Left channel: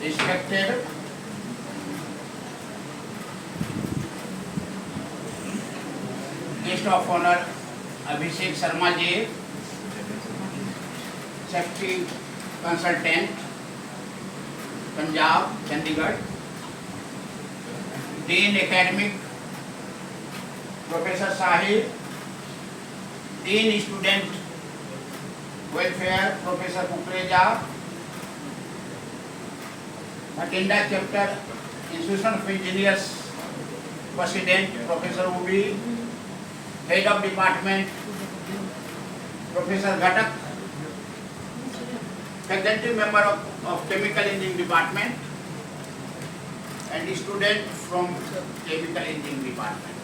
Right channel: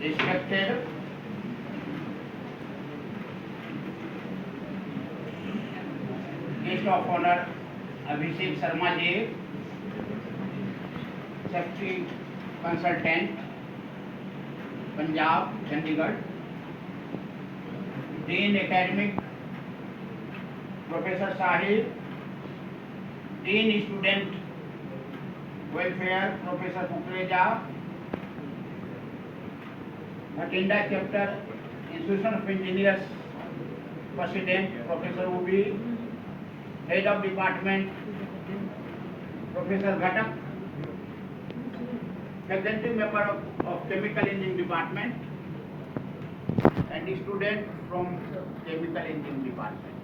respected guest of honor Abhishek Sharma ji, safety consultant, Punjab, Chandigarh, Dean Academic Professor Sahib, Dean Student Welfare Professor Kukreja, Bhatinda Chapter Institution of Engineers President Professor Ubi, Head of Department Professor Ghatak, Faculty Member of Chemical Engineering Department, and student from Chemical Engineering Department.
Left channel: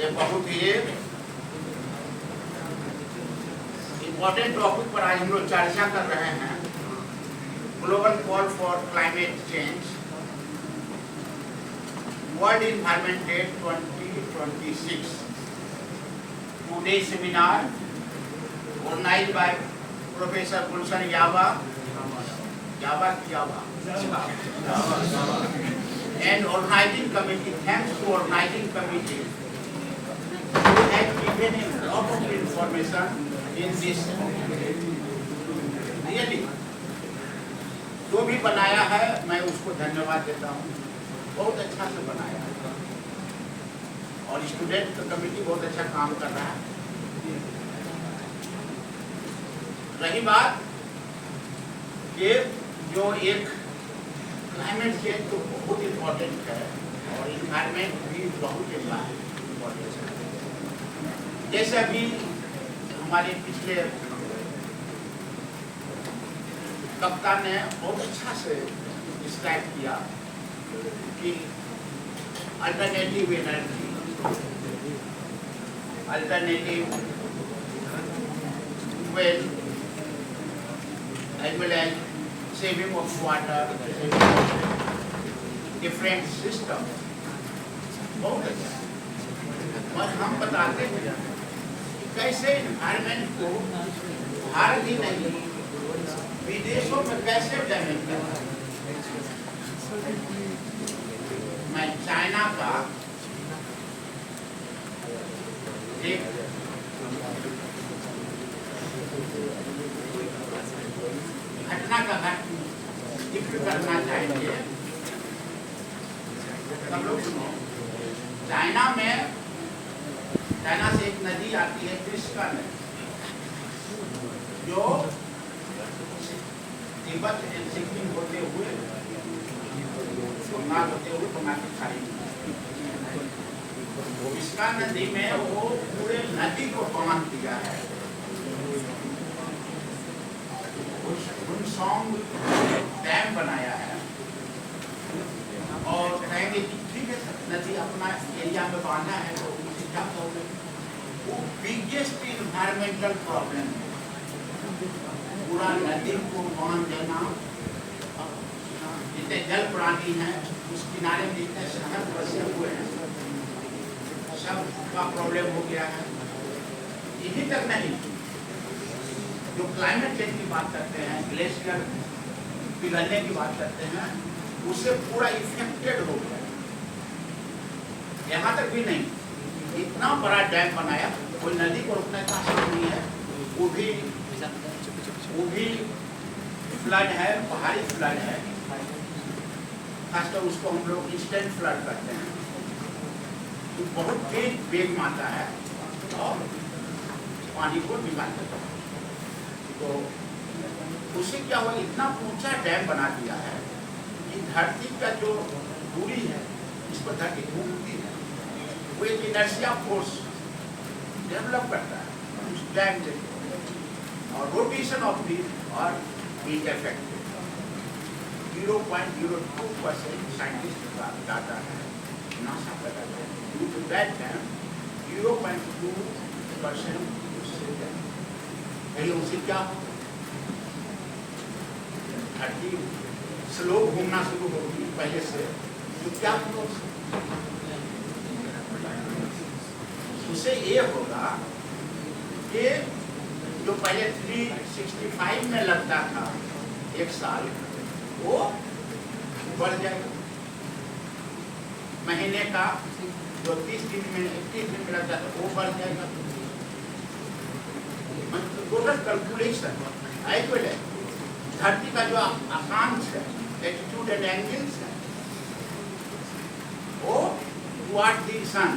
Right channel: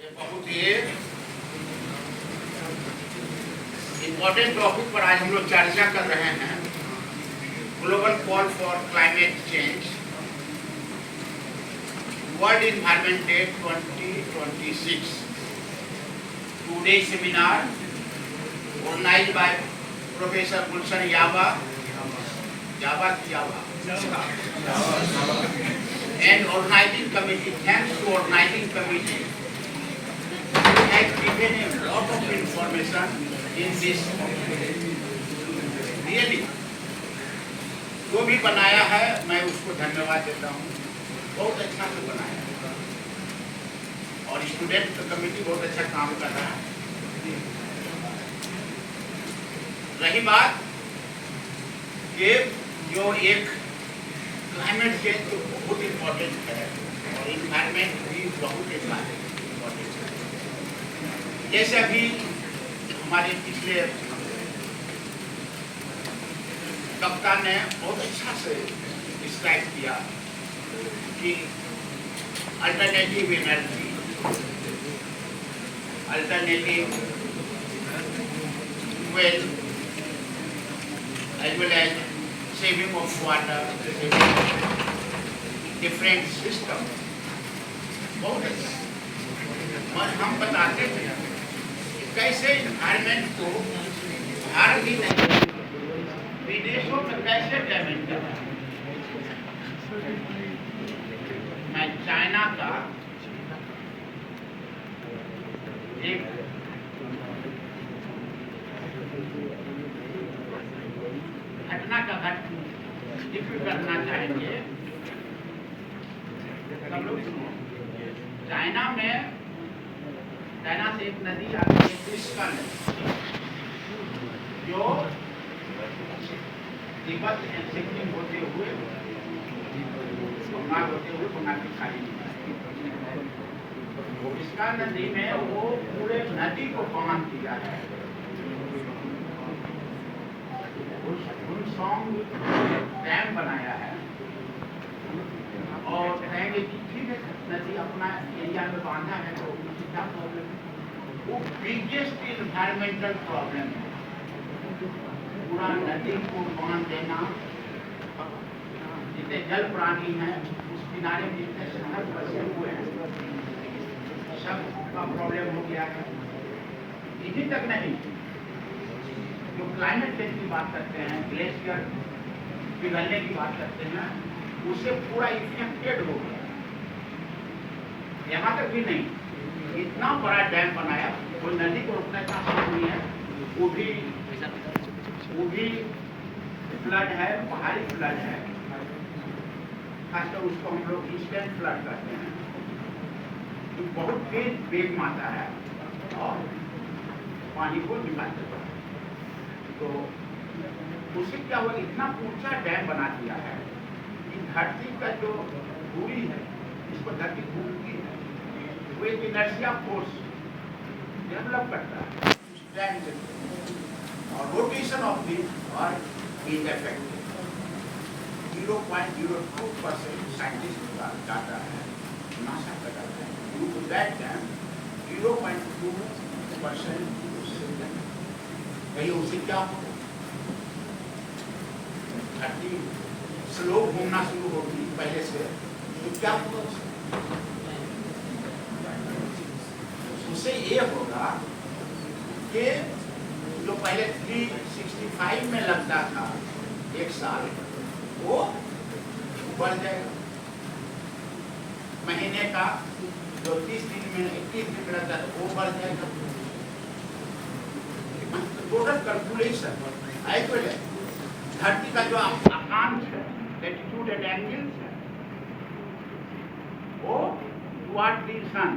ये बहुत ही important topic पर आज हम लोग चर्चा कर रहे हैं, global call for climate change, world environment day 2026. Today's seminar organized by Professor Gulshan Yaba and organizing committee. Thanks to organizing committee, who has given a lot of information in this. Really, जो भी बनाया है मैं उसको धन्यवाद देता हूँ, बहुत अच्छा से बनाया और स्टूडेंट कमेटी बहुत अच्छा काम कर रहा है। रही बात कि जो एक क्लाइमेट चेंज तो बहुत इम्पोर्टेंट है और इन्वायरमेंट भी बहुत इम्पोर्टेंट है। जैसे अभी हमारे पिछले कप्तान ने बहुत अच्छा से डिस्क्राइब किया कि alternative energy, alternative fuel, as well as saving of water, different system, बहुत अच्छा। और हम बताते हैं कैसे इन्वायरमेंट को भारत ही नहीं विदेशों में कैसे डैमेज कर रहा है। मैं चाइना का एक घटना का जिक्र करना चाहेंगे। सब लोग सुनो। चाइना से एक नदी आती है, त्रिशका नदी, जो तिब्बत सिक्किम होते हुए बंगाल की खाड़ी में, त्रिशका नदी में वो पूरे नदी को बांध दिया है। हुनसोंग डैम बनाया है और कहेंगे कि ठीक है नदी अपना एरिया में बांधा है तो उससे क्या प्रॉब्लम है। वो बिगेस्ट इन्वायरमेंटल प्रॉब्लम है, पूरा नदी को बांध देना। जितने जल प्राणी हैं उस किनारे में जितने शहर बसे हुए हैं सब का प्रॉब्लम हो गया है। यही तक नहीं, जो क्लाइमेट चेंज की बात करते हैं, ग्लेशियर पिघलने की बात करते हैं, उससे पूरा इफेक्टेड हो गया। यहाँ तक भी नहीं, इतना बड़ा डैम बनाया, कोई नदी को रोकने का आसान नहीं है। वो भी फ्लड है, पहाड़ी फ्लड है, खासकर उसको हम लोग इंस्टेंट फ्लड करते हैं। तो बहुत तेज वेग मारता है और पानी को निकालता है। तो उससे क्या हुआ, इतना ऊंचा डैम बना दिया है कि धरती का जो दूरी है इस पर धरती घूमती है, वो एक इनर्शिया फोर्स डेवलप करता है उस डैम से, और rotation of the earth is affected. 0.02% scientist का डाटा है, नासा का डाटा है। ड्यू टू दैट डैम 0.2% उससे क्या होगा, धरती स्लो घूमना शुरू होगी पहले से, तो क्या होगा उससे ये होगा कि जो पहले 365 में लगता था एक साल, वो बढ़ जाएगा। महीने का जो 30 दिन में 21 दिन में लगता है वो बढ़ जाएगा। टोटल कैलकुलेशन एक्यूरेट है। धरती का जो अकांश है, एल्टीट्यूड एंड एंगल्स है, वो टुवर्ड द सन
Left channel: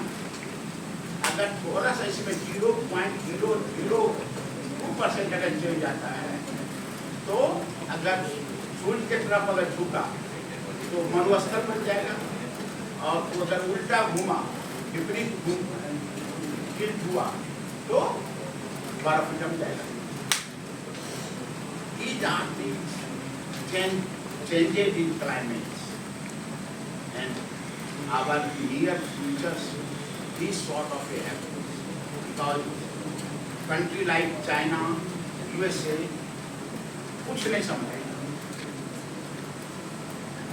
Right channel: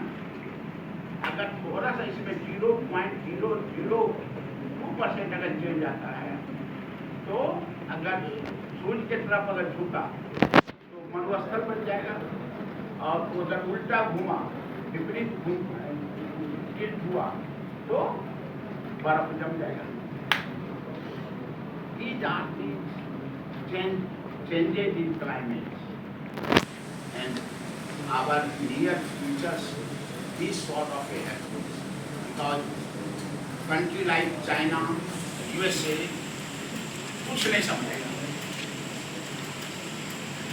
अगर थोड़ा सा इसमें 0.002% अगर चेंज आता है, तो अगर सूर्य की तरफ अगर झुका तो मरुस्थल बन जाएगा, और अगर उल्टा घूमा, विपरीत हुआ तो बर्फ जम जाएगा। These are things changes in climates, and our near futures this sort of a happen, because country like China, USA कुछ नहीं समझेगा।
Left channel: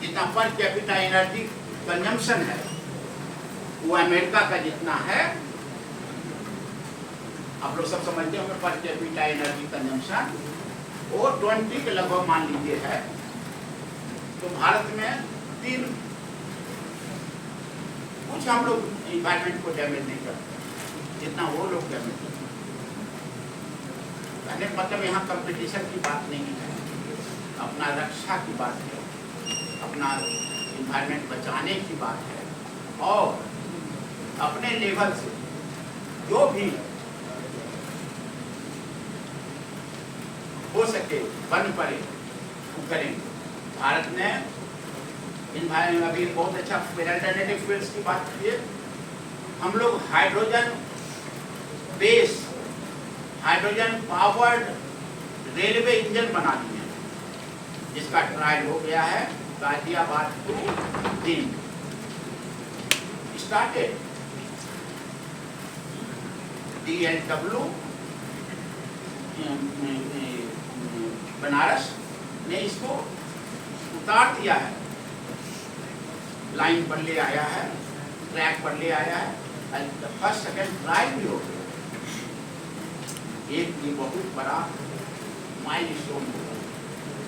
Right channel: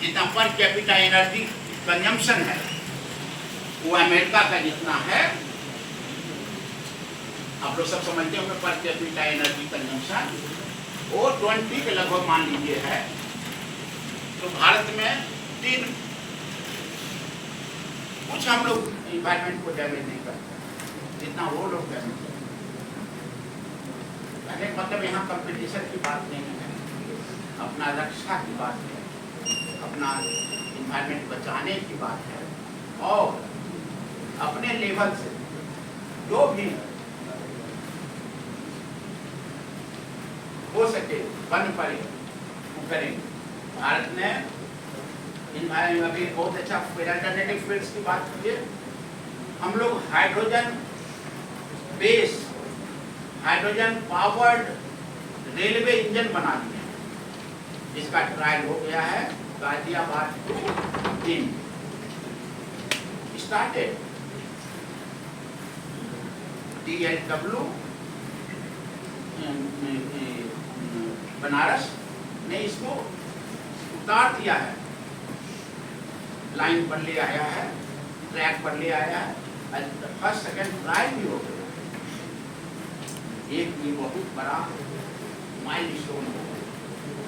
जितना पर कैपिटा एनर्जी कंजम्पशन है वो अमेरिका का जितना है, आप लोग सब समझते होंगे, पर कैपिटा एनर्जी कंजम्पशन वो 20 के लगभग मान लीजिए है। तो भारत में 3 कुछ हम लोग इन्वायरमेंट को डैमेज नहीं करते जितना वो लोग डैमेज करते। पहले मतलब यहाँ कंपटीशन की बात नहीं है, अपना रक्षा की बात है, अपना इन्वायरमेंट बचाने की बात है, और अपने लेवल से जो भी हो सके बन पड़े वो करेंगे। भारत ने इन्वायरमेंट अभी बहुत अच्छा अल्टरनेटिव फ्यूल्स की बात की है। हम लोग hydrogen base, hydrogen powered railway engine बना दिए हैं, जिसका ट्रायल हो गया है गाजियाबाद टू दिन स्टार्टेड। DLW बनारस ने इसको उतार दिया है, लाइन पर ले आया है, ट्रैक पर ले आया है, फर्स्ट सेकंड ट्रायल भी हो गया। ये बहुत बड़ा माइलस्टोन होगा।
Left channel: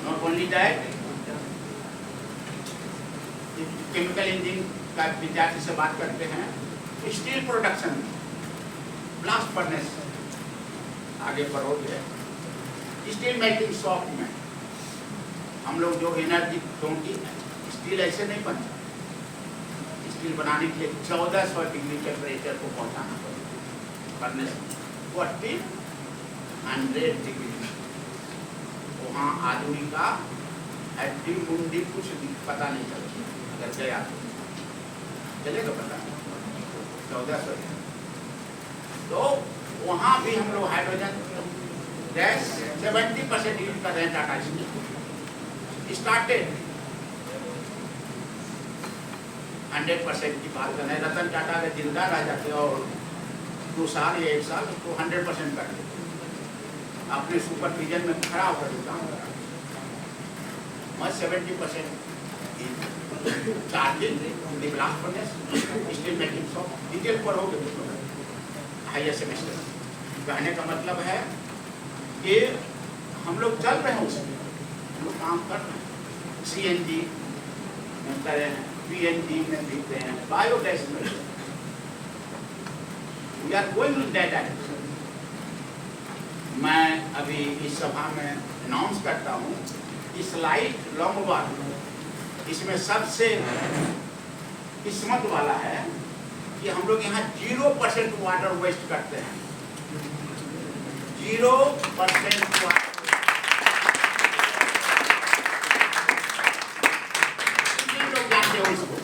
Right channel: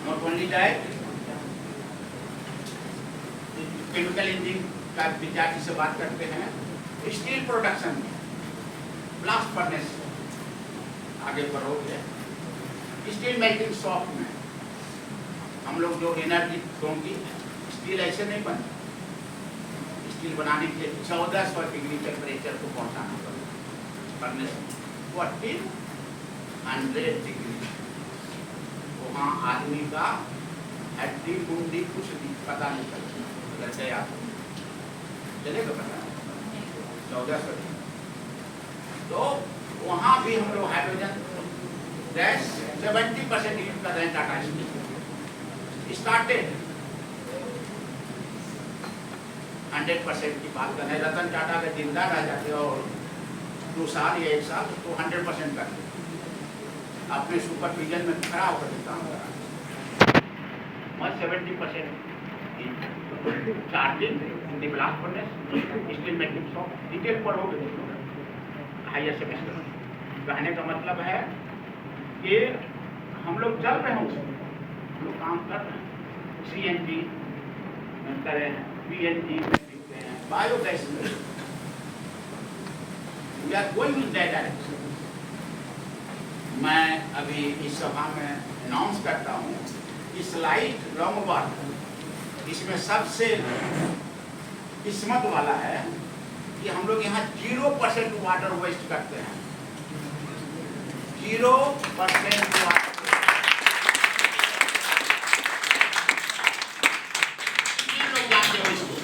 Not only that, chemical engineering का विद्यार्थी से बात करते हैं, स्टील प्रोडक्शन ब्लास्ट फर्नेस आगे बढ़ोगे, स्टील मेल्टिंग शॉप में हम लोग जो एनर्जी क्योंकि स्टील ऐसे नहीं बनता, स्टील बनाने के लिए 1400 डिग्री टेम्परेचर को पहुंचाना पड़ेगा फर्नेस में, 100 डिग्री। वहाँ आदमी का हड्डी मुंडी कुछ भी पता नहीं चलता, अगर गया तो चलेगा पता नहीं, 1400। तो वहाँ भी हम लोग हाइड्रोजन गैस 70% यूज कर रहे हैं। टाटा स्टील स्टार्टेड 100% की बात कर रहे हैं। रतन टाटा अगर जिंदा रह जाते और 2 साल या 1 साल तो 100% कर देते, अपने सुपरविजन में खड़ा होकर काम करा। मैं 70% charging blast furnace steel melting shop detail पर हो गए हायर सेमेस्टर। कहने का मतलब है कि हम लोग चल रहे हैं, उसमें हम लोग काम कर रहे हैं। CNG में कर रहे हैं, PNG में देते हैं, बायोगैस में we are going in that direction. मैं अभी इस सभा में अनाउंस करता हूँ इस लाइट लॉन्गबॉल, इसमें सबसे किस्मत वाला है कि हम लोग यहाँ 0% वाटर वेस्ट करते हैं, 0% वाटर। लोग जानते हो इसको,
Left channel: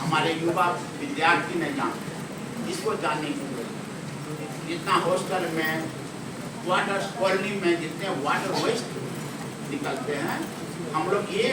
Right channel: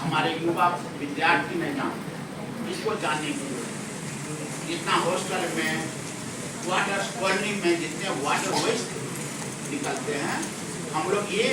हमारे युवा विद्यार्थी नहीं जानते, इसको जानने की जरूरत। जितना हॉस्टल में, वाटर कॉलोनी में जितने वाटर वेस्ट निकलते हैं, हम लोग ये